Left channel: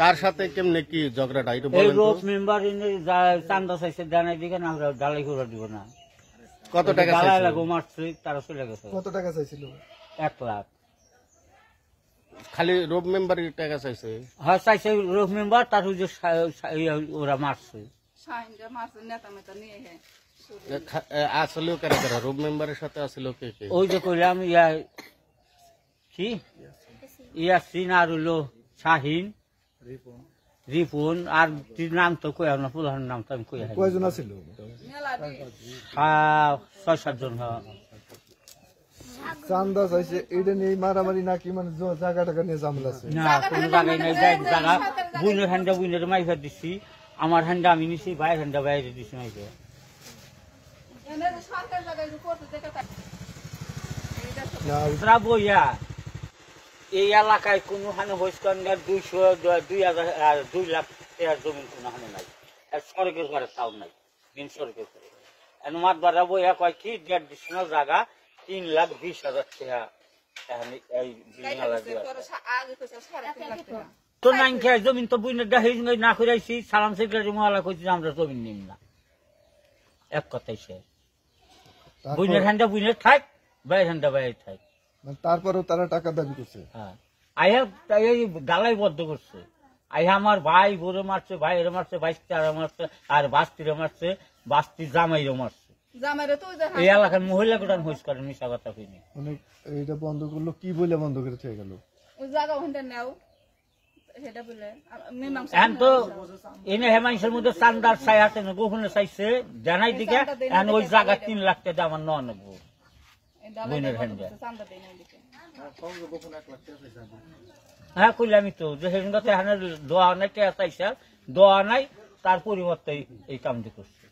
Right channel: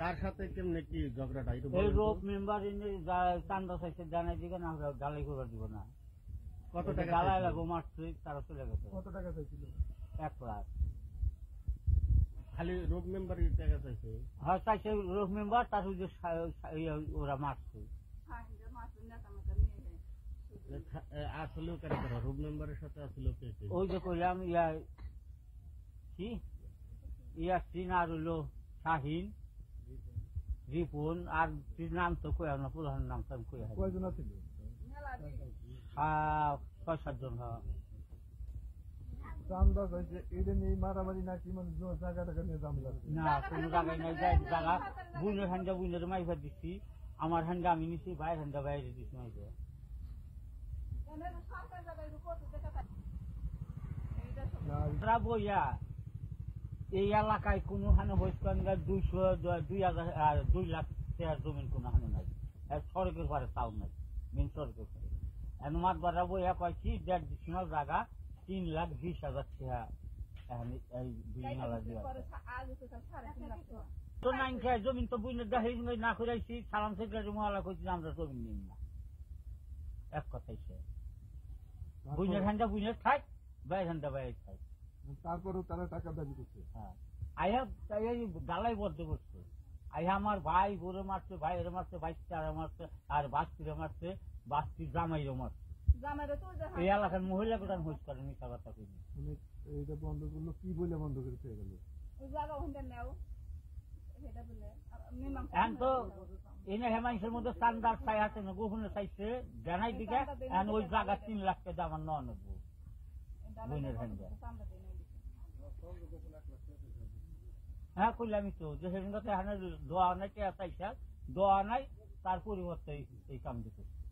কার সাথে কেমনে কি ঝগড়াটা একটু বলেন তো? মেম্বার চান্দা চাইছে দেয় দিকে না আমরা ডালাই করে দিব না। কত টাকা ডালাই চাইছিল? লাগো মারছে তারা চলে গেছে। কত টাকা চাইছিল? 1 লাখ। খালি রোব মেম্বারের টাকা চাইছে? হ্যাঁ চাইছে রোগ মেম্বার, তার ওই যে ওরা মারছে। আসলেও কারা কারা রোব মেম্বারের সাথে আসলে কে কে? ওই যে কইলাম কি ইয়াসিন আর হইলো শাহিন, রিপুন আর নাম তো কই না, পুরান নাম তো আমি কই। কয়জন আছিল? 6-7 জন। চান্দা চাইছে এটা নিয়ে মারামারি নাকি মানে জায়গা টাকা নিয়ে ঝামেলা আছে? না কোনো জায়গায় নাই, জায়গা বুনের হ্যান্ডা বুনের মাইফা দিছি, আমার হ্যান্ডা আমি নিছি, ভাইয়ের হ্যান্ডা বাইরে দিছি মাইফা। না বইয়া এই এলাকায় কোনো হানে হইসকান 2 লাখ টাকার জমিন কোনো হানে নাই, সড়কের ঘরে তাও নাই, দিন সড়কের ঘরে। মাত বাড়া বইয়া কয় কি 1.5 জায়গা 3,20,000 টাকা এই তো নাই খেয়ে জমিন তো বুঝে না করাইছি। সালাম সেক্রেটারি মহলা কইছি আমরা জমিন নিম না, এক কথাই সে বুঝে হ্যান্ডা বুঝে থাক, বাইরের হ্যান্ডা বাইরে থাক। তারপরেও তারা টাকা দাবি করছে। হ্যাঁ আইহা এই গালাই বদ্ধ করছে। আইহা আমার ভাই বোরে মারছে, ভাইয়ের মারছে, বাইস্তারা মারছে, আর বাস্তিরে মারছে, বাস্তি জামাইরে মারছে। এই এলাকার মহিলা গোটান হইস করেন মিশা কথা কইনি। মানে এইটা বন্ধ করলো কি বলে বন্ধ করে থেকে গেল? এখন তো এনে হেমাংসের মধ্যে চান্দার চাই হাতে গোপনে চাইছে জানাই দিকে, এখন ওই জায়গা 3 লাখ টাকা আমার নেবো বোনের হ্যান্ডে। হ্যাঁ কইলামই তো যে হেন দোয়া নাই, টাকা চাইছে দোয়া নাই, তার পরিবর্তে এই কামটি করছে।